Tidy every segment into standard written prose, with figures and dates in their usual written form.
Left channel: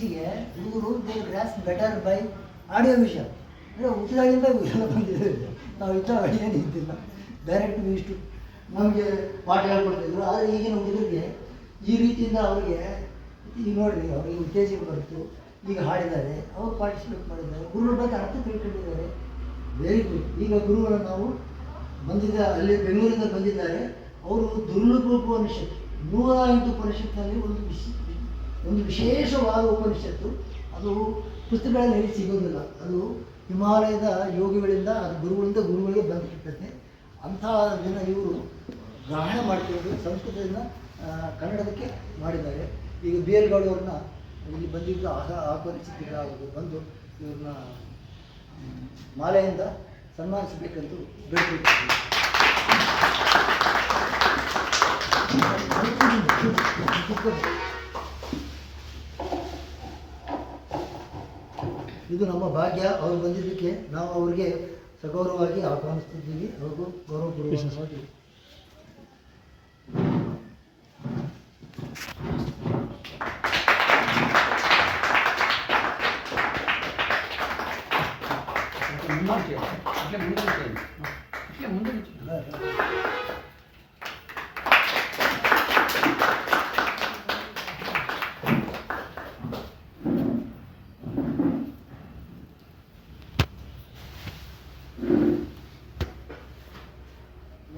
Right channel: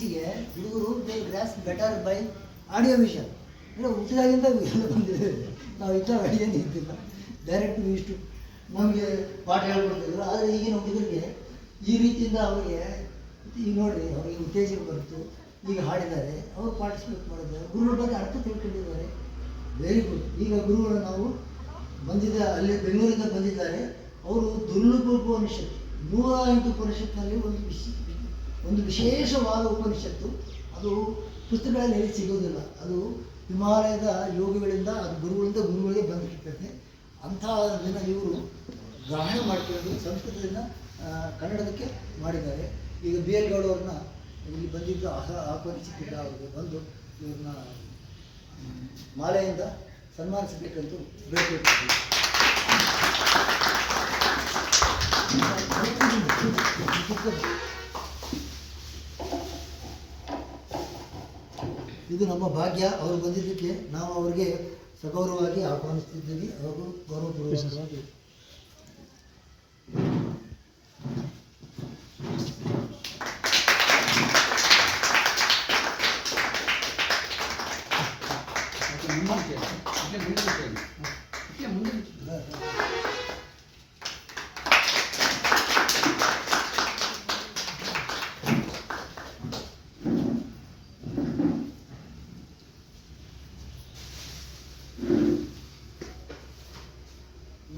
ಇತ್ತೀಚೆಗೆ ಹುಡುಗರು they grasp better by audio vision. ಅಂದರೆ ಹುಟ್ಟಿದಾಗಿಂದ ಎಲ್ಲ ಬಂದಿದೆ. ನಾವು ಇಂಥ ಏನು ಇದ್ದಿಲ್ಲ, ಡೈರೆಕ್ಟ್ ಇಷ್ಟು ನಮಗೆ ಪಾಠ ಹೇಳ್ಕೊಡ್ತಿದ್ರು. ಆದರೆ ಈಗಿನ ಹುಡುಗರಿಗೆ ಈ ರೀತಿಯಿಂದ ಅವರಿಗೆ ಈಗ ನೋಡಿರಿ, ಅವರಿಗೆ ಉತ್ತೇಜನ ಬಂತು, ಈಗ ಹಾಡಿದ್ದಾರೆ, ಅವರು ಪಾರ್ಟಿಸಿಪೇಟ್ ಮಾಡಿದ್ದಾರೆ, ಗುರುಗಳ ಬಗ್ಗೆ ಅರ್ಥ ತಿಳ್ಕೊಂಡಿದ್ದಾರೆ. Very good. ಈಗ ಗುರುಗಳು ನಾವು ಬಂದಿದ್ದ ಅಲ್ಲಿ ಬೆಂಗಳೂರಿಂದ ಬಂದಿದ್ದಾರೆ. ಅವರು ದುರ್ಲಭ ಉಪನಿಷತ್ತು 108 ಉಪನಿಷತ್ತಿನಲ್ಲಿ ಒಂದು ವಿಶೇಷವಾದ ಉಪನಿಷತ್ತು. ಅದು ಪುಸ್ತಕಗಳಲ್ಲಿ ಎಲ್ಲಿ ಸಿಗೋದಿಲ್ಲ. ಅದು ಹಿಮಾಲಯದ ಯೋಗಿಗಳಿಂದ, ಅದು ಗುರುಗಳಿಂದ ಗುರುಗಳಿಗೆ ಬಂದಿರ್ತದೆ. ಅಂಥ ದಿನ ಇವರು ಗ್ರಹಣ ಮಾಡ್ತಿರೋದು ಸಂಸ್ಕೃತದಿಂದ ಕನ್ನಡದಕ್ಕೆ ಮಾಡಿದ್ದಾರೆ. ಈಗ ಬಿ ಎಲ್ ಗೌಡ ಅವ್ರನ್ನ ಇಲ್ಲಿ ಬಂದಿದ್ದು ಆಹ್ವಾನಿಸಿದ್ದಿಲ್ಲ. ಅವ್ರಿಗೆ ಬಂದು ಇವ್ರನ್ನ ಮಾಲೆಯಿಂದ ಸನ್ಮಾನಿಸಬೇಕಂತೂ ಬೇಡಿಕೊಳ್ತೀವಿ. ಇದು ನಮ್ಮ ಭಾಗ್ಯ. ಅವರು ಬಂದಿದ್ದಕ್ಕೆ ನಾವು ಅವ್ರಿಗೆ ಸಗೌರವವಾಗಿ ಆಹ್ವಾನಿಸ್ತಿದ್ದೀವಿ. ಅವ್ರಿಗೂ ಗೌರವಪೂರ್ವಕವಾಗಿ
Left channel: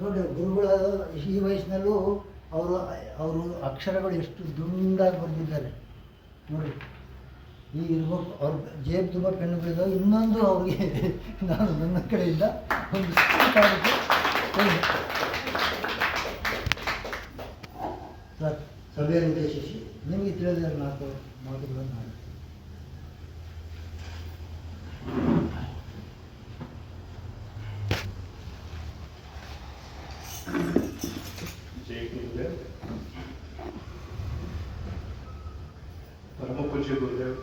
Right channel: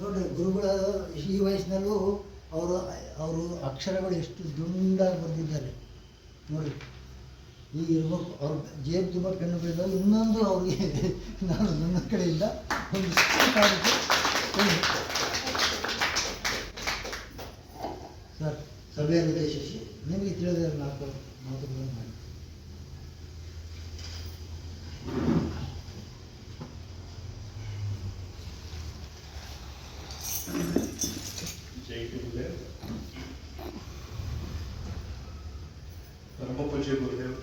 ನೋಡಿ, ಗುರುಗಳ ಈ ವಯಸ್ಸಿನಲ್ಲೂ ಅವರು ಅಕ್ಷರಗಳು ಎಷ್ಟು ದುಂಡಾಗಿ ಬರೆದಿದ್ದಾರೆ ನೋಡಿ. ಈ ಇರ್ಬೇಕು ಅವ್ರ ಜೇಬು ತುಂಬ ಪೆನ್ನು ಬೆಳೆದಾಗ ಇನ್ನೊಂದು ಅವ್ರಿಗೆ ನಾನು ನನ್ನ ಕಡೆಯಿಂದ ಒಂದು ಸರ್ ಸಭೆಯನ್ನು ಉದ್ದೇಶಿಸಿ ನಿಮಗೆ ತಿಳಿದ 4 ಮಾತುಗಳನ್ನು ಮಾಡಿ. ಪರಮ ಪೂಜ್ಯ ಗುರುದೇವ್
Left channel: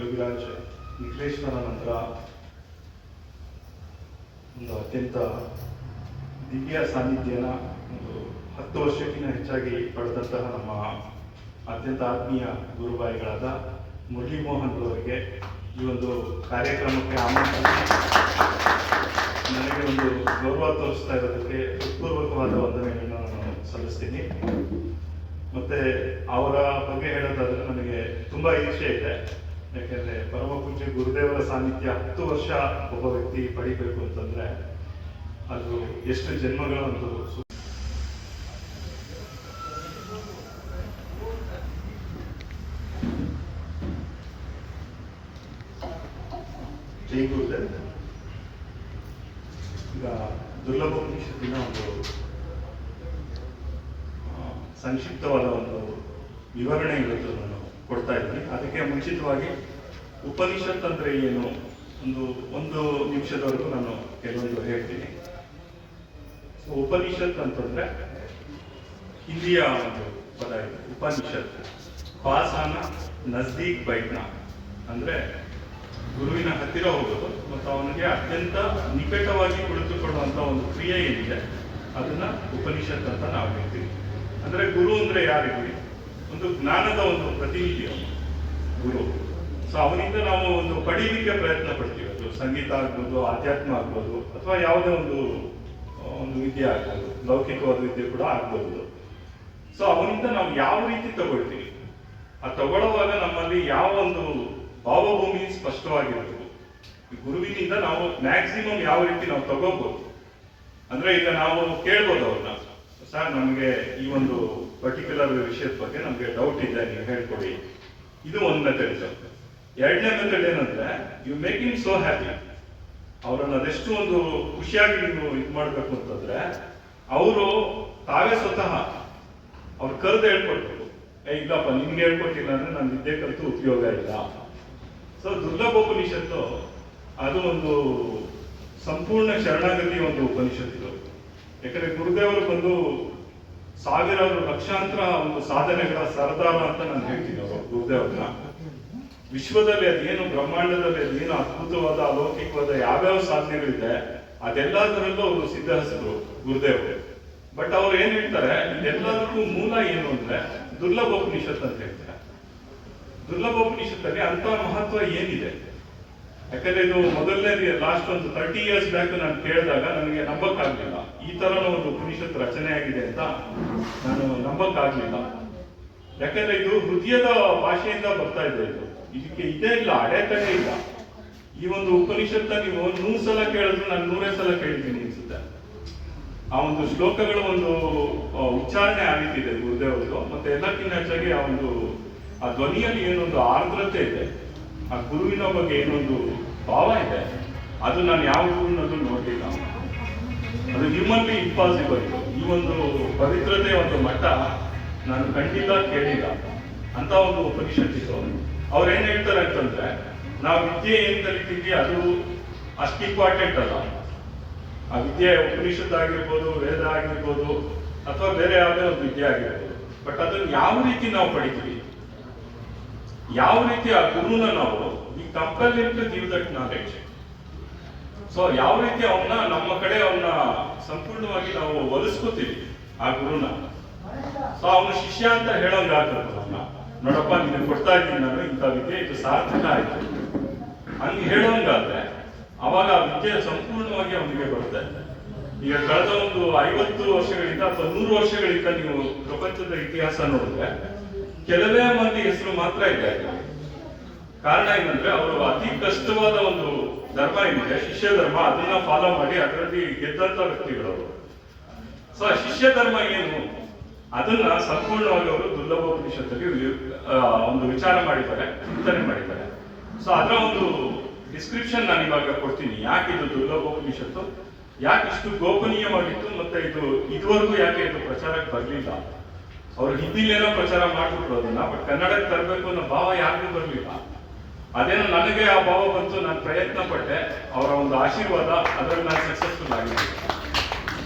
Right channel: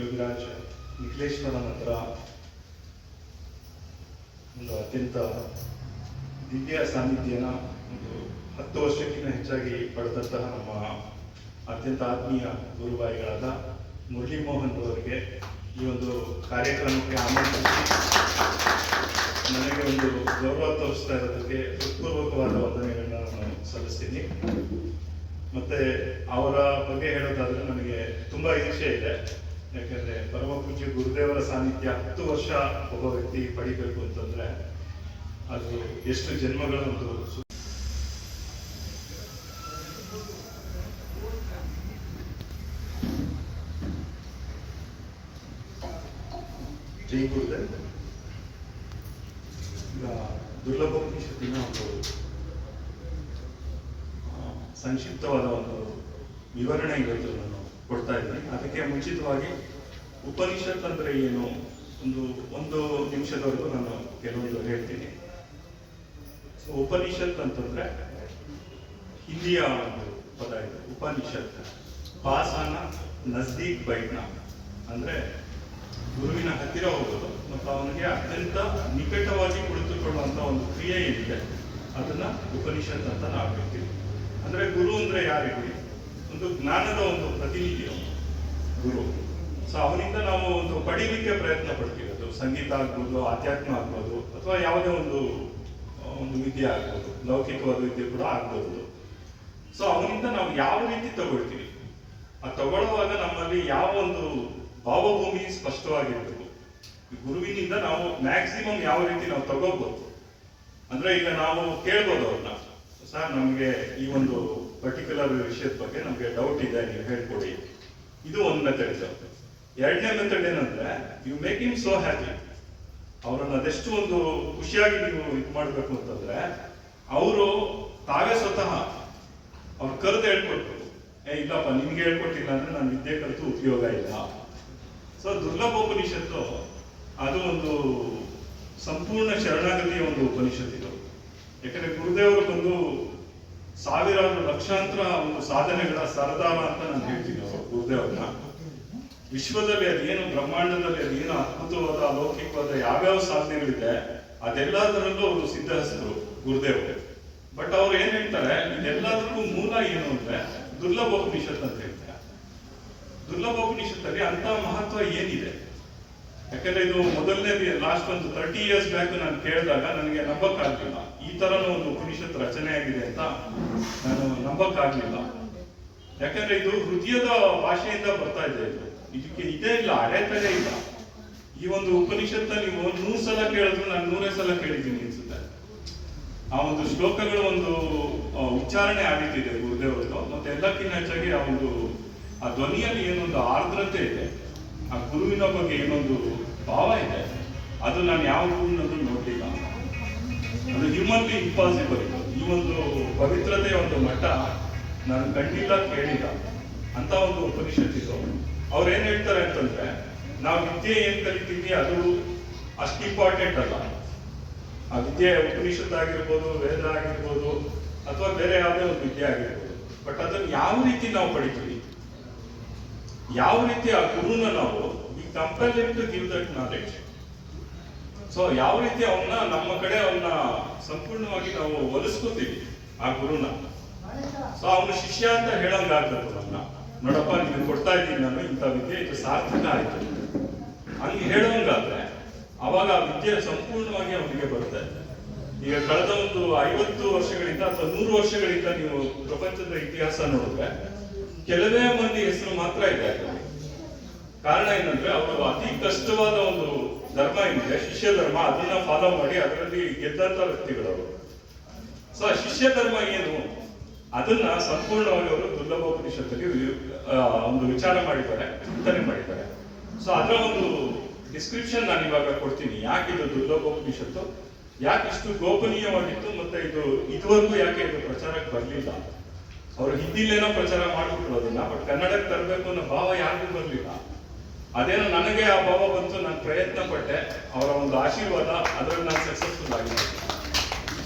ಯೋಗಿರಾಜ್ ನಿಖಿಲೇಶ್ವರ ಹತ್ರ ಒಂದು ಅತ್ಯಂತ ದಿವ್ಯ ಸಾನ್ನಿಧ್ಯನ ಒಂದು 10 ವರ್ಷಕ್ಕಿಂತ ಹೆಚ್ಚಾಗಿ ಪಡೆದಂತಹ ನಮ್ಮ ಅತ್ಯಂತ ಆತ್ಮೀಯ ಗುರುಬಾಯಿಗಳಾದ ಮುರಳಿ ಮೋಹನ್ ಅವರಿಗೆ ಈ ಒಂದು ಕಾರ್ಯಕ್ರಮಕ್ಕೆ ಆಮಂತ್ರಿಸಿ ನನಗೆ ಒಂದು ಗೌರವ ತೋರಿಸ್ತಾ ಇರೋದಕ್ಕೆ ಹೃತ್ಪೂರ್ವಕವಾದ ವಂದನೆಗಳನ್ನ ನಾನು ಸಲ್ಲಿಸ್ತೀನಿ. ಮತ್ತೆ ಅವರ ಬಗ್ಗೆ ಹೇಳೋದಾದ್ರೆ ನನಗೆ ತುಂಬಾ ಈರ್ಷೆ ಇದೆ. ಯಾಕಂದ್ರೆ ಪರಮ ಪೂಜ್ಯ ಗುರುದೇವರ ಸಾನ್ನಿಧ್ಯ 10 ವರ್ಷ ಒಬ್ಬ ವ್ಯಕ್ತಿ ಪಡಿಬೇಕು ಅಂತಂದ್ರೆ ಅದು ಎಷ್ಟು ಜನ್ಮಗಳ ಒಂದು ಜೈ ಗುರುದೇವ್. ಈಗ ದುರ್ಲಭ ಉಪನಿಷತ್ತಿನ ಒಂದು ಸಂಕ್ಷಿಪ್ತವಾದ ಒಂದು ವಿವರಣೆ ಇವತ್ತು ನಾನು ಕೊಡ್ತಾ ಇದ್ದೀನಿ. ಅದಕ್ಕೆ ಮುಂಚಿತವಾಗಿ ಉಪನಿಷತ್ ಅಂದ್ರೆ ಏನು ಒಂದು ನಿಮಿಷದವರೆಗೂ ನಾನು ಕೆಲವೊಂದು ಹೇಳ್ತೀನಿ. ಉಪನಿಷತ್ ಅಂತಂದ್ರೆ ಹಿಂದಿಯ ಒಂದು ಪದ ಇದೆ. ಉಪನಿಷತ್ ಪಾಸಾನ ನಜ್ದೀಕ್ ಬೈಟ್ನ ಅಂದ್ರೆ ಗುರುವಿನ ಹತ್ತಿರ ಹೋಗೋದು ಮತ್ತು ಅವನಿಗೆ ಅತ್ಯಂತ ನಿಕಟವಾಗಿ ಕುಳಿತುಕೊಳ್ಳುವಂತ ಒಂದು ಕ್ರಿಯೆ ಏನಿದೆ ಅದನ್ನ ಉಪನಿಷತ್ ಅಂತ ನಾವು ಹೇಳ್ತೀವಿ. ಅಂದ್ರೆ ಗುರು ಅಂದ್ರೆ ಯಾರಿಗೆ? ಒಂದು ಜ್ಞಾನದ ಒಂದು ಪ್ರತಿನಿಧಿ ಗುರು. ಸೊ ಅವನಿಂದ ನಾವು ಒಂದು ಪಡೀಲಿಕ್ಕೆ ಪ್ರಯತ್ನ ಪಡ್ತೀವಿ. ಅದು ಸಂಗೀತ ಆಗ್ಬೋದು, ಆಧ್ಯಾತ್ಮ ಆಗ್ಬೋದು, ಅಥವಾ ಯಾವುದೇ ಒಂದು ವಿದ್ಯೆ ಆಗ್ಬೋದು, ಲೌಕಿಕವಾದ ವಿದ್ಯೆ ಕೂಡ ಆಗ್ಬೋದು. ಸೊ ಅವನಿಂದ ನಾವು ಯಾವ ರೀತಿ ತಗೊಳ್ತೀವಿ, ಆ ತಗೊಳ್ಳುವಾಗ ನಮ್ಮಲ್ಲಿ ಯಾವ ಒಂದು ಭಾವಭೂಮಿ ಸ್ಪಷ್ಟವಾಗಿರ್ತದೆ. ಗುರುವಿನಿಂದ ನಾವು ಮ್ಯಾಕ್ಸಿಮಮ್ ಯಾವ ರೀತಿ ನಾವು ತಗೋಬಹುದು ಅಂದ್ರೆ, ಈಗ ನಾವು ಕೇಳ್ಬೋದು ಅವ್ರನ್ನ, ಸರ್ ನಮಗೆ ಈ ಒಂದು ಪರ್ಟಿಕ್ಯುಲರ್ ವಿಷಯದ ಬಗ್ಗೆ ನಮಗೆ ಡೌಟ್ ಇದೆ, ನೀವು ಹೇಳ್ಕೊಡಿ. ಇದು ಒಂದು ಮೆಥಡ್ ಇದೆ. ಎರಡನೇ ಮೆಥಡ್ ಏನಂದ್ರೆ, you make him so happy. ಅವರನ್ನ ಅದೆಷ್ಟು ಒಂದು ಖುಷಿಯಾಗಿ ನೀವು ಇದು ಮಾಡ್ಬೇಕು ಅಂತಂದ್ರೆ, ಅವರು ತಾವೇ ಸ್ವತಃ ಅವ್ರು ಕರೆದು ಹೇಳ್ಕೊಡ್ಬೇಕು. ಇಲ್ಲಪ್ಪ ನಿಮ್ಗೆ ಹೇಳ್ಕೊಟ್ಟಿಲ್ಲ ಅಂದ್ರೆ ನಾನು ವಿದ್ಯೆ ಕಲಿತು ಉಪಯೋಗ ಇಲ್ಲ. ಸೊ ದುರ್ಲಭ ಉಪನಿಷತ್ತು ಅದು ಒಂದು ಸಂಪೂರ್ಣ ಶರಣಾಗತಿ ಒಂದು ಉಪನಿಷತ್ತು ಇದು. ಯಾಕಂದ್ರೆ ಗುರುದೇವರು ಬಂದು ಸಾವಿರಾರು ಲಕ್ಷಾಂತರ ಒಂದು ಸಾಧನೆಗಳ ಸರದಾರ ಅಂತ ನಾನು ಹೇಳ್ತೀನಿ ಗುರುದೇವ್ರನ್ನ. ವಿಶ್ವದಲ್ಲಿ ಅದೇನು ಬ್ರಹ್ಮಾಂಡದಲ್ಲಿ ಅದೇನು ಅದ್ಭುತವಾದ ಅಲೌಕಿಕವಾದ ಯಾವ್ಯಾವ ಸಾಧನೆಗಳಿದೆ ಅದೆಲ್ಲದರಲ್ಲೂ ಅವರು ಸಿದ್ಧಹಸ್ತರು ಗುರುದೇವರು. ಬಟ್ ಅವ್ರು ಏನ್ ಹೇಳ್ತಾರೆ, ಇದೆಲ್ಲದಕ್ಕೂ ಮೂಲ ಏನು ಅಂದ್ರೆ ದುರ್ಲಭ ಉಪನಿಷತ್ ಅಂತ ಹೇಳ್ತಾರೆ. ದುರ್ಲಭೋಪನಿಷತ್ತಲ್ಲಿ ಅಂತ ಮಹತ್ವ ಏನಿದೆ? ಯಾಕಂದ್ರೆ ಇದು ಮೊದಲನೇ ಲಾಸ್ಟ್ ಒಂದು 30 ಇಯರ್ಸ್ ಬ್ಯಾಕ್ ನಾನು ಕೇಳಿದಾಗ ನನಗೆ ನಂಬಕ್ಕಾಗ್ಲಿಲ್ಲ, ಈ ತರ ಒಂದು ಉಪನಿಷತ್ ರಚನೆ ಆಗಿದೆ ಅಂತ ನಾನು ನಂಬಕ್ಕಾಗ್ಲಿಲ್ಲ. ಯಾಕಂದ್ರೆ ಇದು ಹೃದಯದ ಭಾಷೆಯಿಂದ ಬರ್ತಾ ಇದೆ. ಇದಕ್ಕೆ ಇದೇ ಇಲ್ಲ, ಅಡೆತಡೆ ಇಲ್ಲ. ಈ ಒಂದು ಉಪನಿಷತ್ತ ನೀವು 100 ಸಲ ಕೇಳಿದ್ರು ನಾನು 100 ಸಲ ಕೇಳಿದ್ದೀನಿ ಅನ್ಸುತ್ತೆ. ಆ ಒಂದು ಶ್ಲೋಕಗಳ ಒಂದು ಉಚ್ಚಾರಣೆ ಆ ರೀತಿ ಇದೆ ಗುರುದೇವರು. ಮತ್ತೆ ಎಲ್ಲಕ್ಕಿಂತ ಹೆಚ್ಚಾಗಿ ಆ ಧ್ವನಿಯಲ್ಲಿ ಏನೊಂದು ಆರ್ದ್ರತೆ ಇದೆ, ಆ ಗುರುವಿನ ಬಗ್ಗೆ ಏನೊಂದು ಭಾವ ಇದೆ, ಅದು ನಾನು ಯಾವ ಗುರುನಲ್ಲೂ ನೋಡಲಿಲ್ಲ. ಅದು ಹ್ಯೂಮನ್ಲಿ ಇಂಪಾಸಿಬಲ್. ಈ ಒಂದು ಪವಿತ್ರತೆಯ ಒಂದು ಮಟ್ಟ ನಾನು ಕಂಡಿಲ್ಲ, ಕೇಳಿಲ್ಲ ಅಂತ ಒಂದು ಉಪನಿಷತ್ತಿತ್ತು. ಅವ್ರು ಏನ್ ಹೇಳ್ತಾರೆ ಅಂತಂದ್ರೆ, ನಾವು ವಿದ್ಯೆ ಏನ್ ಕಲಿತೀವಿ ಅದು ಅಷ್ಟು ಇಂಪಾರ್ಟೆಂಟ್ ಅಲ್ಲ. ಆ ವಿದ್ಯೆ ಉಪನಿಷತ್ ಆಗಿರ್ಬೋದು, ವೇದ ಆಗಿರ್ಬೋದು, ಅಥವಾ ಬೇರೆ ಯಾವುದೇ ಒಂದು ವಿದ್ಯೆ ಆಗಿರ್ಬೋದು, ಬಟ್ ಅದನ್ನು ಯಾವ ರೀತಿ ನಾವು ಪಡಿತೀವಿ, ಯಾವ ರೀತಿ ಆ ಗುರುನ ನಾವು compel to give that knowledge. So ಯಾವ ರೀತಿ ಅವನ್ನ ನಮ್ಮ ಕಡೆ ಅವನ್ನ ಸಂಪೂರ್ಣವಾಗಿ ನಾವು ಒಲಿಸ್ಕೋತೀವಿ ಆ ಗುರುನ. ಸೊ ಅವನು ಶಿಷ್ಯ ಅಂತ ಹೇಳೋಂಗಾಗ್ತದಲ್ಲ, ನೋಡಪ್ಪ ನೀನು ಕೊಡ್ತಾ ಇದ್ದೀನಿ ನಾನು ಇಂಥ ವಿದ್ಯೆ, ಇದು ಸಾರ್ಥಕ ಆಯ್ತು ಹಂಗೆ ಹೇಳೋಂಗಾದ್ರೆ ಅವಾಗ ಆ ವಿದ್ಯೆ ಸಂಪೂರ್ಣವಾಗಿ ಅವನಿಗೆ ಬರುತ್ತೆ. ಈಗ ಕಳೆದ ಒಂದು 50 ವರ್ಷಗಳಿಂದ ಅಥವಾ 100 ವರ್ಷಗಳಿಂದ ನೀವು ಪ್ರಪಂಚದ ಇತಿಹಾಸ ನೋಡಿದ್ರೆ ಕೆಲವೇ ಮಂದಿ ಹೆಸರು ಮಾತ್ರ ಇದೆ. ಕಾರಣ ಏನಂದ್ರೆ ಅವರು ಅತಿ ಕಷ್ಟವಾದ ಒಂದು ಧರ್ಮ ಏನಿದೆ, ಶಿಷ್ಯ ಧರ್ಮ, ಅದನ್ನ ಫಾಲೋ ಮಾಡಿ ಅದರಲ್ಲಿ ಗೆದ್ದಂತ ವ್ಯಕ್ತಿಗಳು. ಸೊ ಶಿಷ್ಯ ಧರ್ಮ ಏನು ಅದನ್ನ ಸಂಪೂರ್ಣವಾಗಿ ಅವರು ದುರ್ಲಭೋಪನಿಷತ್ತಲ್ಲಿ ಒಂದು ವಿಚಾರ ಮಾಡಿದ್ದಾರೆ, ಚಿಂತನೆ ಮಾಡಿದ್ದಾರೆ. ಸೊ ಅದರ ಒಂದು ಡಿಸ್ಕ್ರಿಪ್ಷನ್ ನಾನು ಇವಾಗ ಕೊಡ್ತೀನಿ. ಯಾಕೆ ಇದು ದುರ್ಲಭೋಪನಿಷತ್ತು, ಯಾಕೆ ಇಷ್ಟು ಗೋಪನೀಯವಾಗಿತ್ತು, ಮತ್ತೆ ಇದು ಇದುವರೆಗೂ ಯಾಕೆ ಇದು ಪ್ರಚಾರಕ್ಕೆ ಬರಲಿಲ್ಲ. ಅವರು ಹಿಂದಿಲೇನೋ ಪ್ರಚಾರ ಮಾಡ್ಬಿಟ್ರು ಅದನ್ನ, ಬಟ್ ಕನ್ನಡಕ್ಕೆ ತರಬೇಕು ಅನ್ನೋ ಭಾವ ಯಾರಿಗೂ ಬರಲಿಲ್ಲ. ಅದೇನೋ ನನಗೆ ಆ ಭಾವ ಬಂತು, ನಾನು ಪ್ರಯತ್ನ ಪಟ್ಟೆ, ಅವರ ಒಂದು ಆಶೀರ್ವಾದ, ಅದರಲ್ಲಿ ನಾನು ಸಕ್ಸಸ್ಫುಲ್ ಆಗಿದ್ದೆ.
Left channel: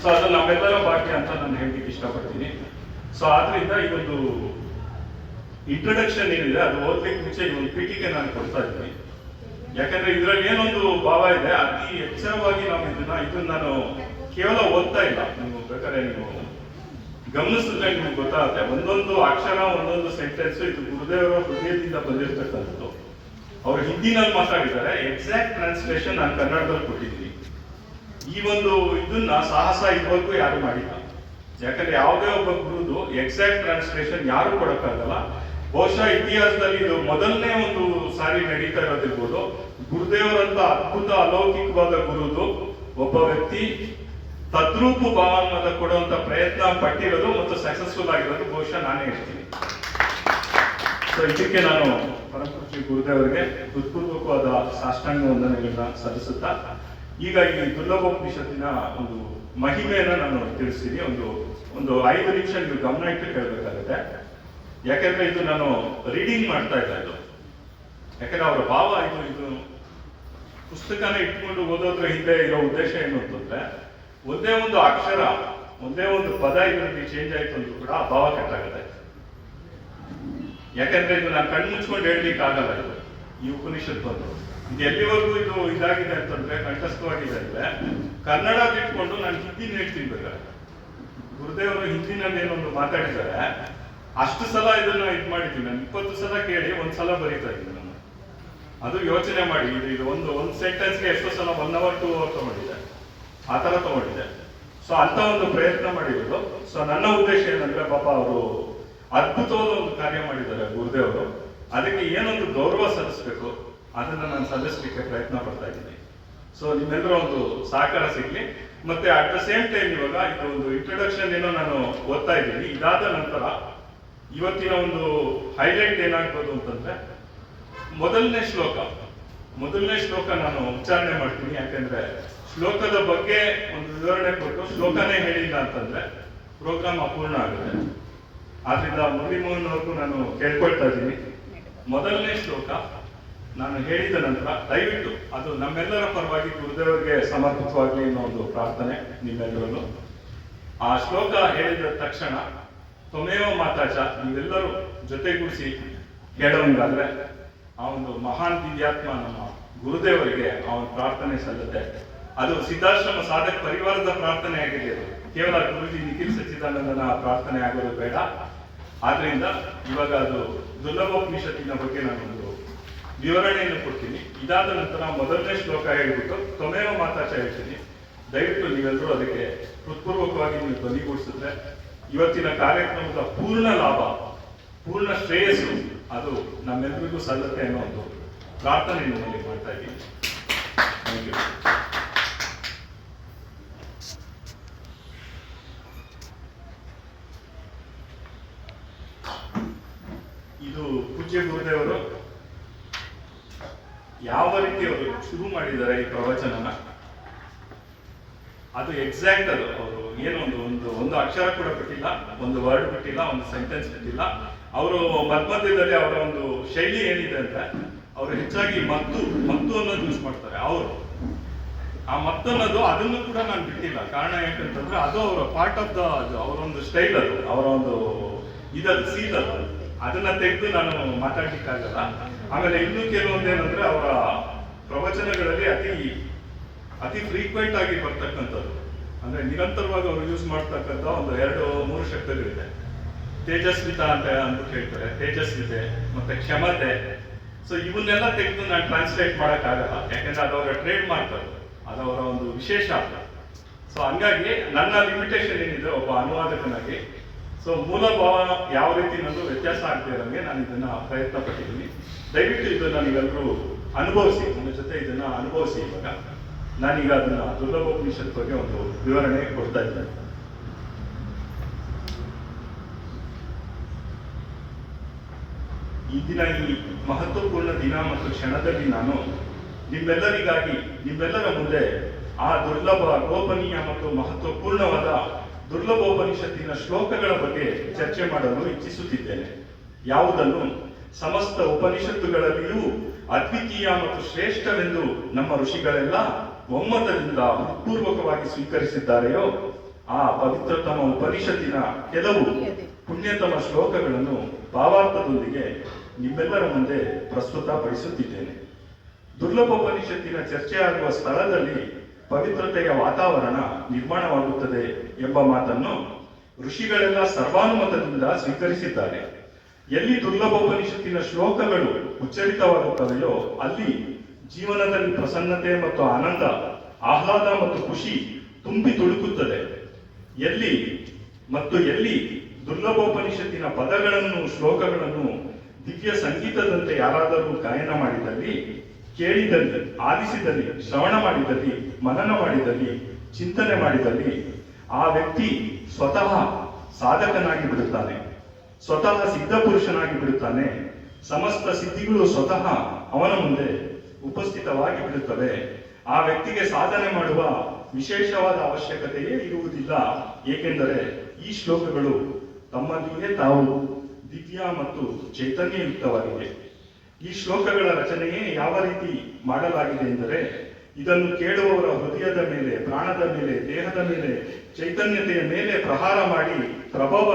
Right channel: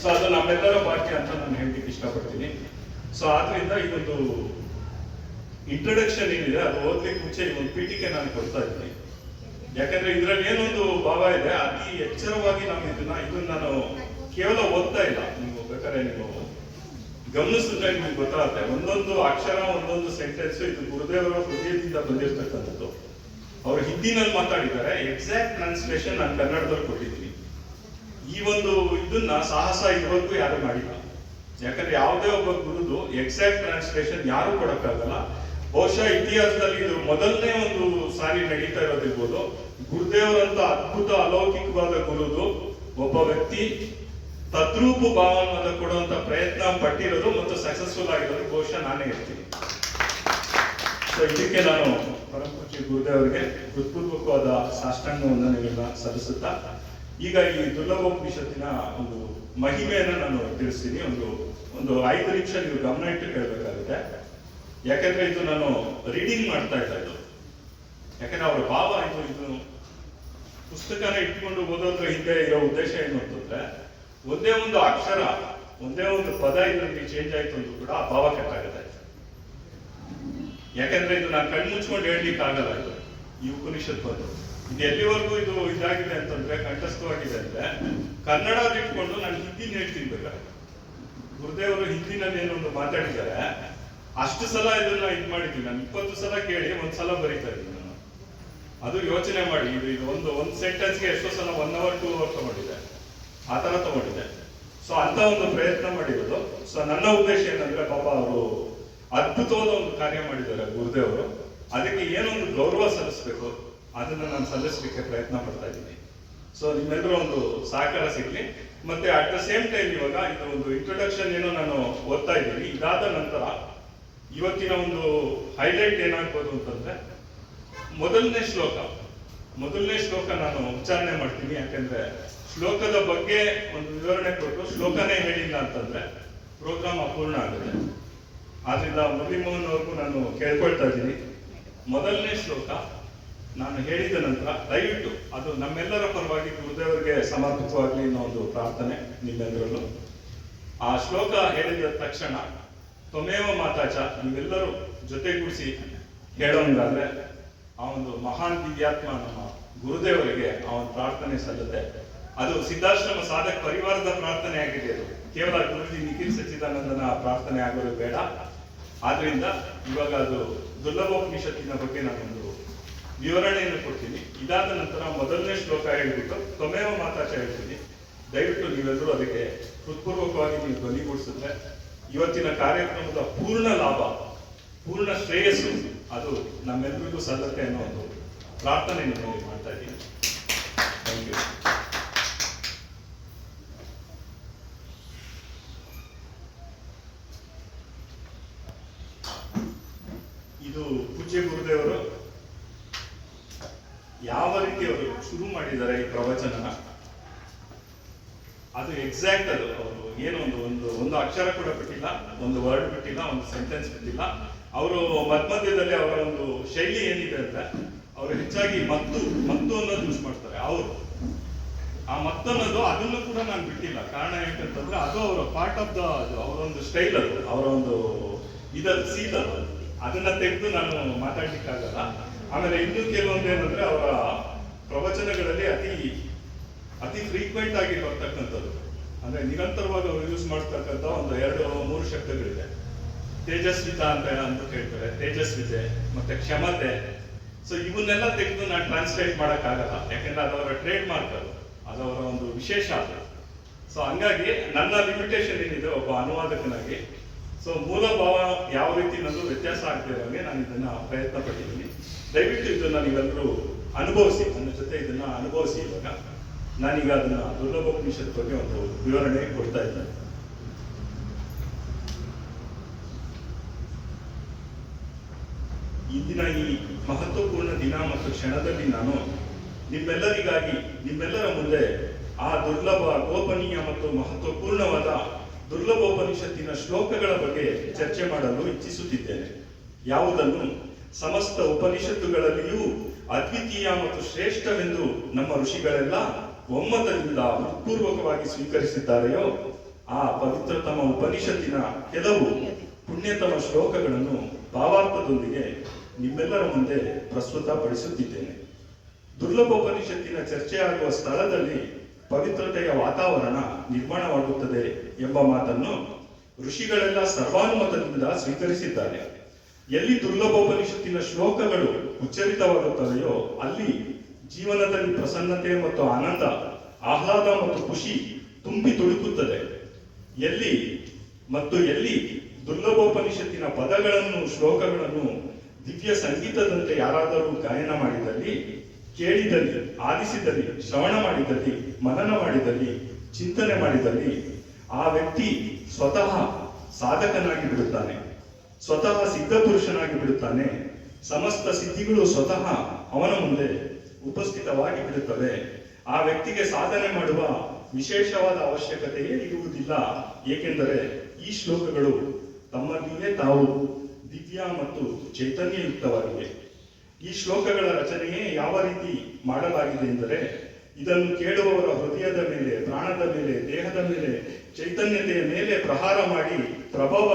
ಸೊ ಅದು ನಮ್ಮೆಲ್ಲರ ಭಾಗ್ಯ ಅಂತ ನಾನು ಹೇಳಲಿಕ್ಕೆ ಇಷ್ಟಪಡ್ತೀನಿ. ಸೊ ಆದ್ರಿಂದ ಇದೊಂದು ಇಂಟ್ರೊಡಕ್ಷನ್ ಏನಿದೆ ಅದು ಓದ್ಲಿಕ್ಕೆ ಮುಂಚೆ ಇದೊಂದು ಪೀಠಿಕೆ ನಾನು ಕೊಡ್ತಾ ಇದ್ದೀನಿ. ಯಾಕಂದ್ರೆ ಇದರಲ್ಲಿ ಏನೊಂದು ಭಾವ ಇದೆ, ಅತಿ ಎಚ್ಚರವಾಗಿ ನಾವು ಇದನ್ನ ನಾನು ಕೇವಲ ಓದ್ತಾ ಇಲ್ಲ, ನೀವು ಬೇಕಾದ್ರೆ ನೀವು ಗಮನಿಸಿದ್ರೆ ನಿಮ್ಗೆ ಗೊತ್ತಾಗುತ್ತೆ. ಒಂದೊಂದು ಅಕ್ಷರ, ಒಂದೊಂದು ಸೆಂಟೆನ್ಸ್ ಇದು ಗುರುದೇವರ ಹೃದಯದಿಂದ ಬಂದಿರ್ತಕ್ಕಂಥದ್ದು. ಅವರು ಹಿಂದಿನಲ್ಲಿ ಮಾತಾಡಿದ್ದಾರೆ, ಎಕ್ಸಾಕ್ಟ್ ಟ್ರಾನ್ಸ್ಲೇಷನ್ ನಾನು ಕನ್ನಡದಲ್ಲಿ ಕೊಟ್ಟಿದ್ದೀನಿ. ಈ ಒಂದು ಇದನ್ನ ಸಾಹಸ ಇದುವರೆಗೂ ಯಾರು ಮಾಡಿಲ್ಲ. ಯಾಕಂದ್ರೆ ಯಾವುದೇ ಒಬ್ಬ ಗುರುದು ಎಕ್ಸಾಕ್ಟ್ ಟ್ರಾನ್ಸ್ಲೇಷನ್ ಯಾರು ಕೊಡಕ್ಕಾಗಲ್ಲ. ಬಹುಶಃ ಇತಿಹಾಸದಲ್ಲಿ ಇದು ಮೊದಲನೇ ಒಂದು ಸಾರಿ ನಡೀತಾ ಇರೋದಿರ್ಬೋದು. ಗುರುದೇವರಂತ ಅದ್ಭುತ ಅಲೌಕಿಕವಾದ ಗುರುದು ಒಬ್ಬ ವ್ಯಕ್ತಿ ತದ್ರೂಪ ಭಾವನ ಕೊಡುವಂತ ಪ್ರಯತ್ನ ಪಟ್ಟಿರೋದು ಮತ್ತು ಸಕ್ಸಸ್ಫುಲ್ ಆಗಿರೋದು ಬಹುಶಃ ನಾನೇ ಇರ್ತೀನಿ. ಸೊ ಇದಕ್ಕೆ ನಾನು ಪರಮಪೂಜ್ಯ ಗುರುದೇವರಿಗೆ ಹೃತ್ಪೂರ್ವಕವಾದ ಸಾಷ್ಟಾಂಗ ವಂದನೆಗಳನ್ನ ಸಲ್ಲಿಸುತ್ತಾ ಈಗ ಈ ದುರ್ಲಭೋಪನಿಷತ್ತಿನ ಒಂದು ಮಹಿಮೆಯನ್ನ ನಾನು ತಿಳಿಸ್ತೀನಿ. ಒಂದು 5 ನಿಮಿಷ ನೀವು ಗಮನ ಇಟ್ಟು ಕೇಳಬೇಕಾಗುತ್ತೆ. ಯಾಕಂದ್ರೆ ಇದು ನಾನು ರೀಡಿಂಗ್ ಮಾಡ್ತಾ ಇದ್ದೆ. ಇದು ಯಾಕಂದ್ರೆ ಅವರ ಭಾವ ಇದು ಪುಸ್ತಕನ ಇಟ್ಕೊಂಡು ಓದೋದ್ರ ಹಿಂದೆ ಇರೋ ಉದ್ದೇಶ ಏನು ಅಂತಂದ್ರೆ, ಒಂದೇ ಒಂದು ಅಕ್ಷರ, ಒಂದೇ ಒಂದು ಪದ ಇದರಲ್ಲಿ ಚೇಂಜ್ ಆಯ್ತು ಅಂದ್ರೂ ಕೂಡ ಆ ಭಾವ ಕಟ್ಟಾಗುತ್ತೆ. ಯಾಕಂದ್ರೆ ಇದು ನಾನು ಕಣ್ಣು ಮುಚ್ಕೊಂಡು ಹೇಳ್ಲಿಕ್ಕೆ ಆಗಲ್ಲ. ಈ ಉಪನಿಷತ್ ಬಂದು ಇದು ಎಲ್ಲಿವರೆಗೂ ಇದು ಇದಾಗಿದೆ ಅಂತಂದ್ರೆ, ಕಂಠಸ್ಥವಾಗಿದೆ ಅಂದ್ರೆ ಕನ್ನಡ ಬಿಟ್ಕೊಂಡು ನಾನು ಹಿಂದಿನ ಹೇಳ್ತೀನಿ ಬೇಕಾದ್ರೆ. ಗುರುದೇವರು ಹಿಂದಿನಲ್ಲಿ ಏನೊಂದು ಮಾತಾಡಿದ್ದಾರೆ, ಅಷ್ಟು ಸಲ ಇದನ್ನ ಇದು ಮಾಡಿದ್ದೀನಿ ನಾನು. 20 ಸಲ ಕೇಳಿ 1 ಸಲ ಬರೀತಾ ಇದ್ದೀನಿ ನಾನು. ಅದು ಯೋಚನೆ ಮಾಡಿ, ಇದು ಒಂದು ಸೆಂಟೆನ್ಸ್ಗೆ ಎಷ್ಟೋ ಸಲ 1 hour 2 hour ತಗೊಂಡಿದೆ, ಆ ತರ ತಗೊಂಡಿದೆ. ಸೊ ಅಂತ ಒಂದು ಪ್ರಯತ್ನ ಮಾಡಿರೋದು. ಸೊ ನನ್ನ ಉದ್ದೇಶ ಏನಂದ್ರೆ, ಪಾಪ ಅವರು ಅದ್ಭುತವಾದ ಒಂದು ಕಾರ್ಯ ಮಾಡಿದ್ದಾರೆ ಗುರುದೇವರು. ಅದಕ್ಕೆ ಏನೊಂದು ಗೌರವ ಸಲ್ಲಿಸಬೇಕು ಅದನ್ನ ನಾನು ಸಲ್ಲಿಸಲಿಕ್ಕೆ ಪ್ರಯತ್ನ ಪಡ್ತಾ ಇದ್ದೀನಿ. ಸೊ ನಿಮ್ಮೆಲ್ಲರೂ ಒಂದು ಸಹಕಾರ ಸಿಗ್ಲಿ. ಮತ್ತೆ ಅಟ್ ದ ಸೇಮ್ ಟೈಮ್ ಇವಾಗ ಇದು ಒಂದು ಇಂಟ್ರೊಡಕ್ಷನ್ ಏನೋ ನಾನು ಓದ್ತಾ ಇದ್ದೀನಿ. ಇದಾದ ನಂತರ ಇವತ್ತಿನ ಒಂದು ಹೈಲೈಟ್ ಏನಾಗ್ಬೋದು ಅಂತಂದ್ರೆ, ಮೊದಲನೇ ಶ್ಲೋಕ ನಾನು ಉಚ್ಚಾರಣೆ ಮಾಡ್ತೀನಿ. ಯಾಕಂದ್ರೆ ಶ್ಲೋಕದ ಬಗ್ಗೆ ಒಂದು ವಿವರಣೆ ಕೊಟ್ಟು ಶ್ಲೋಕನೇ ಹೇಳಿಲ್ಲ ಅಂತಂದ್ರೆ ಪ್ರೋಗ್ರಾಮ್ ಅಪೂರ್ಣ ಆಗುತ್ತೆ. ಆದ್ರಿಂದ ಮುರಳೀಮೋಹನ್ ಅವ್ರಿಗೂ ನಾನು ಕೇಳ್ಕೊಳ್ತಾ ಇದ್ದೀನಿ, ಮೊದಲನೇ ಶ್ಲೋಕ ನಾನು ಹೇಳಿದ ನಂತರ ದಯವಿಟ್ಟು ಅದು ನಮ್ಮೆಲ್ಲರ ಪರವಾಗಿ ಗುರುದೇವರಿಗೆ ಸಮರ್ಪಿತವಾಗಲಿ ಅನ್ನೋ ಒಂದು ಪ್ರಾರ್ಥನೆ ನಿಮ್ಮೆಲ್ಲರಲ್ಲೂ. ಆ ಶ್ಲೋಕ ಹೇಳಿದ ತಕ್ಷಣ ತ್ವಮೇವ ಮಾತಾಚ ನೀವೆಲ್ಲರೂ ಜೊತೆಗೂಡಿಸಿ ಹೇಳೋಂಗಾದ್ರೆ ಆ ಒಂದು ಮಹಾನ್ ದಿವ್ಯಾತ್ಮ ನಮ್ಮ ಗುರುದೇವರಿಗೆ ಅವನ ಪ್ರಾರ್ಥನೆ ಸಲ್ಲುತ್ತೆ. ಅದು ಸಿದ್ಧಾಶ್ರಮ ಸಾಧಕ ಪರಿವಾರದ ಪ್ರಾರ್ಥನೆ ಆಗಿದೆ. ಅದು ಕೇವಲ ಗುರುಜಿ ನಿಖಿಲ್ ಸಚ್ಚಿದಾನಂದನ ಪ್ರಾರ್ಥನೆ ಆಗೋದು ಬೇಡ. ಆದ್ರಿಂದ ಇವಾಗ ಅದು ದುರ್ಲಭೋಪನಿಷತ್ತಿನ ಬಗ್ಗೆ ನಾನೊಂದು ವಿವರಣೆಯನ್ನು ಕೊಡ್ತೀನಿ. ಇದಾದ ನಂತರ ಮೊದಲನೇ ಶ್ಲೋಕ ಹೇಳ್ಬಿಟ್ಟು ತ್ವಮೇವ ಮಾತಾಚ ಹೇಳ್ತೀನಿ. ದಯವಿಟ್ಟು ನೀವೆಲ್ಲರೂ ಅದಕ್ಕೆ ಹೃತ್ಪೂರ್ವಕವಾಗಿ ನೀವು ಧ್ವನಿಗೂಡಿಸಿದ್ರೆ ಇವತ್ತಿನ ಕಾರ್ಯಕ್ರಮದ ಪೂರ್ಣ ಲಾಭ, ಪೂರ್ಣ ಶ್ರೇಯಸ್ಸು ಅದು ನಮ್ಮೆಲ್ಲರಿಗೂ ಸಲ್ಲತ್ತೆ ಅನ್ನೋ ಒಂದು ಪ್ರಾರ್ಥನೆಯನ್ನು ನಾನು ಮಾಡ್ತಾ ಇದ್ದೀನಿ. Thank you. ಇದು ಪೂಜ್ಯ ಗುರುದೇವರು ಯಾವ ರೀತಿ ಅವರು ಶುರು ಮಾಡಿದ್ದಾರೆ ಈ ಪ್ರವಚನನ, ಅದು ಎಕ್ಸಾಕ್ಟ್ ಅದು ಅವರು ಏನು ಒಂದು ಅಕ್ಷರ ಕೂಡ ಬಿಟ್ಟಿಲ್ಲ, ಒಂದು ವರ್ಡ್ ಬಿಟ್ಟಿಲ್ಲ, ಒಂದು ಸೆಂಟೆನ್ಸ್ ಬಿಟ್ಟಿಲ್ಲ. ಅವರು ಮಧ್ಯದಲ್ಲಿ ಅವರ ಒಂದು ಶೈಲಿ ಏನಿದೆ ಅಂತ, ಅವರು ಹೆಚ್ಚಾಗಿ ಮದ್ದು ಅನ್ನೋದು ಯೂಸ್ ಮಾಡ್ತಾರೆ. ಅವರು ಆ ಮದ್ದು ಅನ್ನೋದು ಅದನ್ನು ಕೂಡ ನಾನು ಬಿಟ್ಟಿಲ್ಲ. ಕಾರಣ ಯಾಕಂತಂದ್ರೆ ಅದು ಅವರ ಪಾರ್ಟ್ ಆಫ್ ದ ಅವರೊಂದು ಸ್ಟೈಲ್, ಅದು ಅವರ ಒಂದು ಇದದು ಸೀಲ್, ಅದು ಅದನ್ನ ತೆಗೆದು ನಾನು ಮಾತಾಡ್ಲಿಕ್ಕಾಗಲ್ಲ. ಆಮೇಲೆ ಇನ್ನೂ ಕೆಲವೊಂದೇನಂದ್ರೆ ಅವರ ಪ್ರವಚನಗಳಲ್ಲಿ ಅತಿ ಫ್ರೀಕ್ವೆಂಟ್ ಆಗಿ ಬರ್ತಕ್ಕಂಥದ್ದು, ಅಂದ್ರೆ ನಿರಂತರವಾಗಿ ಅವರು ಯೂಸ್ ಮಾಡ್ತಕ್ಕಂಥ ಒಂದು 2-3 ಶಬ್ದಗಳಿದೆ. ತೇಜಸ್ವಿತ ಅಂತ ಅಂದ್ಬಿಟ್ಟು ಹೇಳ್ತಾರೆ, ತೇಜಸ್ವಿತೆ ಮತ್ತೆ ಕ್ಷಮತೆ. ಸೊ ಇವನ್ನೆಲ್ಲ ತೆಗೆದು ನಾನು ಟ್ರಾನ್ಸ್ಲೇಟ್ ಮಾಡೋಕ್ಕಾಗಲ್ಲ, ಯಾಕೆಂದ್ರೆ ಅದು ಅವರ ಟ್ರೇಡ್ ಮಾರ್ಕ್, ಅದು ಅವರ ಒಂದು ವಿಶೇಷ. ಸೊ ಹಂಗಾಗಿ ನನ್ನ ಲಿಮಿಟೇಷನ್ ಏನಿದೆ ಒಬ್ಬ ಅನುವಾದಕನಾಗಿ, ಸೊ ಮೂಲ ಭಾವ ಯಾವ ರೀತಿ ನಂದು ವ್ಯತ್ಯಾಸ ಆಗ್ತಿರೋಂಗೆ ನಾನು ಇದನ್ನ ಪ್ರಯತ್ನ ಪಟ್ಟಿದ್ದೀನಿ. ದಯವಿಟ್ಟು ಇದನ್ನ ನೀವೆಲ್ಲರೂ ಅನುಭವಿಸಿ, ನನ್ನ ಜೊತೆ ಇದನ್ನ ಅನುಭವಿಸಿ. ಇವಾಗ ನಾನೀಗ ಅದನ್ನ ದುರ್ಲಭೋಪನಿಷತ್ ಬಗ್ಗೆ ಒಂದು ವಿವರಣೆ ಕೊಡ್ತಾ ಇದ್ದೇನೆ. ಇಂದಿನ ಈ ಮಹತ್ವಪೂರ್ಣ ದಿನ ಮತ್ತು ಕ್ಷಣದಲ್ಲಿ ನಾನು ನಿಮ್ಮೆಲ್ಲರಿಗಾಗಿ, ನಿಮ್ಮೆಲ್ಲರ ಮುಂದೆ ಆ ದುರ್ಲಭ, ಗೋಪನೀಯ ಮತ್ತು ಮಹತ್ವಪೂರ್ಣವಾದ ದುರ್ಲಭೋಪನಿಷತ್ತಿನ ಶ್ಲೋಕಗಳ ಬಗ್ಗೆ ಚರ್ಚೆ ಮಾಡಲು ಇಚ್ಛಿಸುತ್ತಿದ್ದೇನೆ. ಯಾವುದನ್ನು ಸಮಸ್ತ ಉಪನಿಷತ್ತುಗಳಲ್ಲಿಯೂ ಅದ್ವಿತೀಯ ಮತ್ತು ಶ್ರೇಷ್ಠವೆಂದು ನಮ್ಮ ಋಷಿಗಳೆಲ್ಲ ಒಮ್ಮತದಿಂದ ಹೃತ್ಪೂರ್ವಕವಾಗಿ ಸ್ವೀಕರಿಸಿದ್ದಾರೆಯೋ ಆ ಪವಿತ್ರತಮ ಉಪನಿಷತ್ತಿನ ಕೆಲವು ಪುಣ್ಯತಮ ಶ್ಲೋಕಗಳನ್ನು ಭಾವಾರ್ಥದೊಂದಿಗೆ ನಿಮ್ಮೆಲ್ಲರ ಮುಂದೆ ಪ್ರಸ್ತುತಪಡಿಸುತ್ತಿದ್ದೇನೆ. ದುರ್ಲಭೋಪನಿಷತ್ತಿನ ಚರ್ಚೆಯಾಗುವ ಸ್ಥಳದಲ್ಲಿ ಪವಿತ್ರತೆಯ ವಾತಾವರಣ ನಿರ್ಮಾಣವಾಗುತ್ತದೆ ಎಂಬ ಮಾತನ್ನು ಋಷಿಗಳೆಲ್ಲ ಸರ್ವಾನುಮತದಿಂದ ಸ್ವೀಕರಿಸಿದ್ದಾರೆ. ಎಲ್ಲಿ ದುರ್ಲಭೋಪನಿಷತ್ತಿನ ಶ್ಲೋಕಗಳು ಉಚ್ಚರಿತವಾಗುತ್ತವೆಯೋ ಅಲ್ಲಿ ಜೀವನದಲ್ಲಿ ಪ್ರಸನ್ನತೆ ಮತ್ತು ಆನಂದ, ಆಹ್ಲಾದ ಮತ್ತು ಖುಷಿ ತುಂಬಿ ತುಳುಕುತ್ತದೆ. ಎಲ್ಲಿ ದುರ್ಲಭೋಪನಿಷತ್ತಿನ ಪದಗಳನ್ನು, ಶ್ಲೋಕಗಳನ್ನು ದಿವ್ಯ ಸಂಗೀತದಂತೆ ಯಾರಾದರೂ ಗಾಯನ ಮಾಡಿದಲ್ಲಿ, ಕೇಳಿದಲ್ಲಿ, ಆಲಿಸಿದಲ್ಲಿ, ಶ್ರವಣ ಮಾಡಿದಲ್ಲಿ, ಮನನ ಮಾಡಿದಲ್ಲಿ, ಚಿಂತನೆ ಮಾಡಿದಲ್ಲಿ ಆ ವ್ಯಕ್ತಿ ಸ್ವತಃ ಸಾಧಕನಾಗಿ ಬಿಡುತ್ತಾನೆ, ಸ್ವತಃ ಸಿದ್ಧ ಪುರುಷನಾಗಿ ಬಿಡುತ್ತಾನೆ. ಸಮಸ್ತ ಸಿದ್ಧಿಗಳು ಸ್ವತಃ ಅವನ ಮುಂದೆ ಉಪಸ್ಥಿತವಾಗಿ ಬಿಡುತ್ತವೆ. ಆ ವ್ಯಕ್ತಿಗೆ ಸಾಧನೆ ಮಾಡುವ ವಿಶೇಷವಾದ ಅವಶ್ಯಕತೆಯೇ ಇರುವುದಿಲ್ಲ, ಏಕೆಂದರೆ ಈ ಶ್ಲೋಕಗಳು ತಮ್ಮಲ್ಲಿಯೇ ತಾವು ದಿವ್ಯ ಮತ್ತು ಚೈತನ್ಯಯುಕ್ತವಾಗಿವೆ. ಈ ಶ್ಲೋಕಗಳ ರಚನೆಯೇ ಯಾವ ರೀತಿ ಮಾಡಲಾಗಿದೆ ಎಂದರೆ, ಇದನ್ನು ಕೇಳುವವರ ಹೃದಯದ ಮೇಲೆ, ಪ್ರಾಣದ ಮೇಲೆ, ದೇಹದ ಮೇಲೆ, ಚೈತನ್ಯತೆಯ ಮೇಲೆ ಪ್ರಹಾರ ಮಾಡಿ ಪ್ರಭಾವ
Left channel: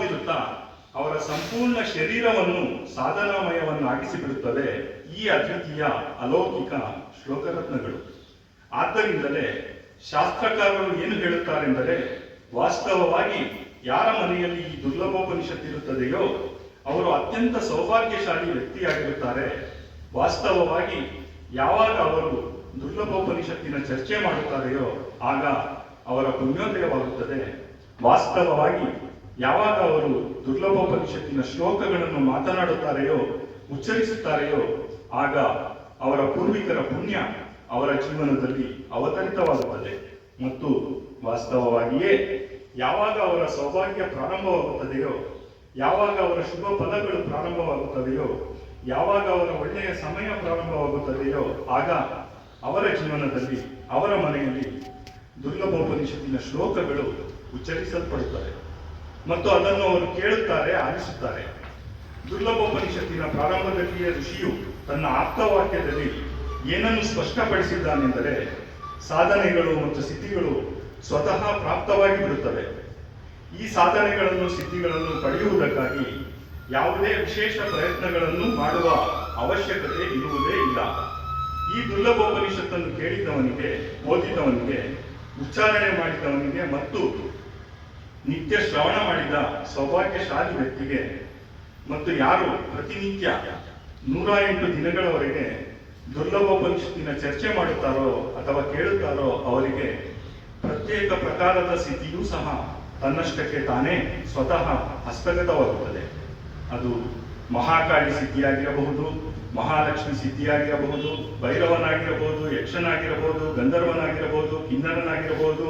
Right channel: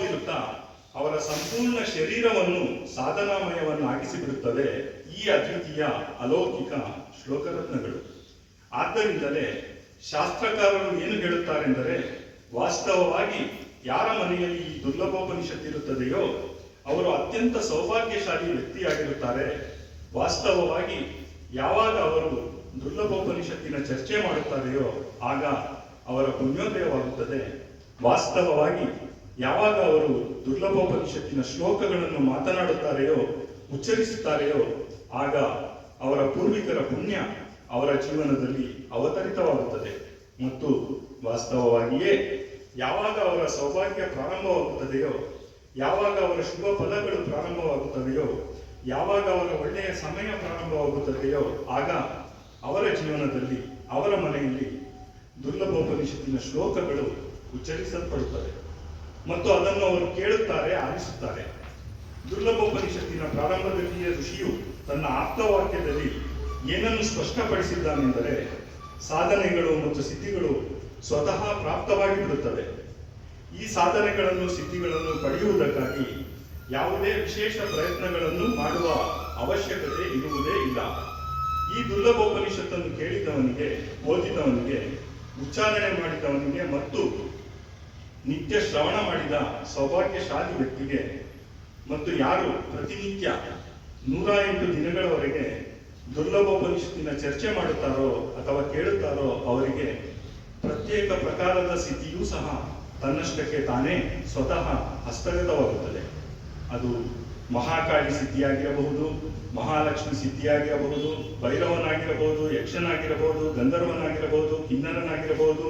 ಬೀರುತ್ತಾ ಅವರ ಸಂಪೂರ್ಣ ಶರೀರವನ್ನು ಸಾಧನಾಮಯವನ್ನಾಗಿಸಿಬಿಡುತ್ತದೆ ಈ ಅದ್ವಿತೀಯ ಅಲೌಕಿಕ ಶ್ಲೋಕರತ್ನಗಳು. ಆದ್ದರಿಂದಲೇ ಶಾಸ್ತ್ರಕಾರರು ಏನು ಹೇಳುತ್ತಾರೆಂದರೆ, ವಾಸ್ತವವಾಗಿ ಯಾರ ಮನೆಯಲ್ಲಿ ಈ ದುರ್ಲಭೋಪನಿಷತ್ತಿರುತ್ತದೆಯೋ ಅವರು ಅತ್ಯಂತ ಸೌಭಾಗ್ಯಶಾಲಿ ವ್ಯಕ್ತಿಯಾಗಿರುತ್ತಾರೆ. ವಾಸ್ತವವಾಗಿ ಯಾವಾಗ ಅವರು ದುರ್ಲಭೋಪನಿಷತ್ತಿನ ಚರ್ಚೆ ಮಾಡುತ್ತಾರೆಯೋ ಆಗ ಅವರ ಪುಣ್ಯೋದಯವಾಗುತ್ತದೆ. ವಾಸ್ತವವಾಗಿ ಯಾವಾಗ ಅವರು ದುರ್ಲಭೋಪನಿಷತ್ತಿನ ಶ್ಲೋಕಗಳನ್ನು ಮಾತನಾಡುತ್ತಾರೆಯೋ, ಉಚ್ಚರಿಸುತ್ತಾರೆಯೋ ಆಗ ಅವರ ಪೂರ್ವಿಕರ ಪುಣ್ಯ ಅವರ ಜೀವನದಲ್ಲಿ ಅವತರಿತವಾಗುತ್ತದೆ. ಮತ್ತು ವಾಸ್ತವವಾಗಿಯೇ ಯಾವಾಗ ಅವರ ಸೌಭಾಗ್ಯ ಪ್ರಾರಂಭವಾಗುತ್ತದೆಯೋ, ಯಾವಾಗ ಅವರ ಶುಭ ಫಲಗಳು ಪ್ರಾರಂಭವಾಗುತ್ತವೆಯೋ, ಯಾವಾಗ ಅವರ ಒಳ್ಳೆಯ ಸಮಯ ಪ್ರಾರಂಭವಾಗುತ್ತದೆಯೋ ಆಗ ಅವರ ಜೀವನದಲ್ಲಿ, ಅವರ ಮನೆಯಲ್ಲಿ ದುರ್ಲಭೋಪನಿಷತ್ತಿನ ಶ್ಲೋಕಗಳು ಉಚ್ಚರಿಸಲ್ಪಡುತ್ತವೆ ಮತ್ತು ಅದನ್ನು ಅವರು ಕೇಳುತ್ತಾರೆ, ಆಲಿಸುತ್ತಾರೆ. ದುರ್ಲಭೋಪನಿಷತ್ತಿನ ಪ್ರಾರಂಭದಲ್ಲಿಯೇ ಋಷಿಯು ತನ್ನ ಆಪ್ತವಾಕ್ಯದಲ್ಲಿ ಏನನ್ನು ಸ್ಪಷ್ಟಪಡಿಸಿದ್ದಾನೆಂದರೆ, ಸಾಧನೆಗಳು ಮತ್ತು ಸಿದ್ಧಿಗಳು ಸ್ವತಃ ಪ್ರಾಪ್ತವಾಗಿ ಬಿಡುತ್ತವೆ. ಈ ಸಾಧನೆಗಳನ್ನು, ಸಿದ್ಧಿಗಳನ್ನು ಪಡೆಯುವುದಕ್ಕಾಗಿ ಯಾವುದೇ ವಿಶೇಷ ಪ್ರಯತ್ನಗಳನ್ನು ಮಾಡುವ ಅವಶ್ಯಕತೆ ಇರುವುದೇ ಇಲ್ಲ. ಈ ದುರ್ಲಭೋಪನಿಷತ್ತನ್ನು ಕೇಳಿದವನಿಗೆ, ಓದಿದವನಿಗೆ ಉಚ್ಚಾರಣೆ ಮಾಡಿದವನಿಗೆ ಮತ್ತು ನಿತ್ಯ ಶ್ರವಣ ಮಾಡಿದ ಸೌಭಾಗ್ಯಶಾಲಿ ವ್ಯಕ್ತಿಗೆ ಮತ್ತು ಯಾರು ಪ್ರತಿನಿತ್ಯ 108 ದಿನಗಳವರೆಗೆ ದುರ್ಲಭೋಪನಿಷತ್ತಿನ ಚರ್ಚೆ ಮಾಡುತ್ತಾರೋ ಅಥವಾ ಕೇಳುತ್ತಾರೋ ಅವರಿಗೆ ಪ್ರತ್ಯೇಕ ಪ್ರಕಾರದ ಸಿದ್ಧಿಯೂ ಸಹ ತನ್ನಷ್ಟಕ್ಕೆ ತಾನೇ ಸ್ವತಃ ಹಸ್ತಗತವಾಗುತ್ತದೆ. ಅದು ಮಹಾಕಾಳಿ ಸಿದ್ಧಿಯಾಗಿರಬಹುದು, ಮಹಾಲಕ್ಷ್ಮಿ ಸಿದ್ಧಿಯಾಗಿರಬಹುದು, ಭೈರವನಾಗಿರಬಹುದು, ಯಕ್ಷನಾಗಿರಬಹುದು, ಗಂಧರ್ವನಾಗಿರಬಹುದು, ಕಿನ್ನರನಾಗಿರಬಹುದು,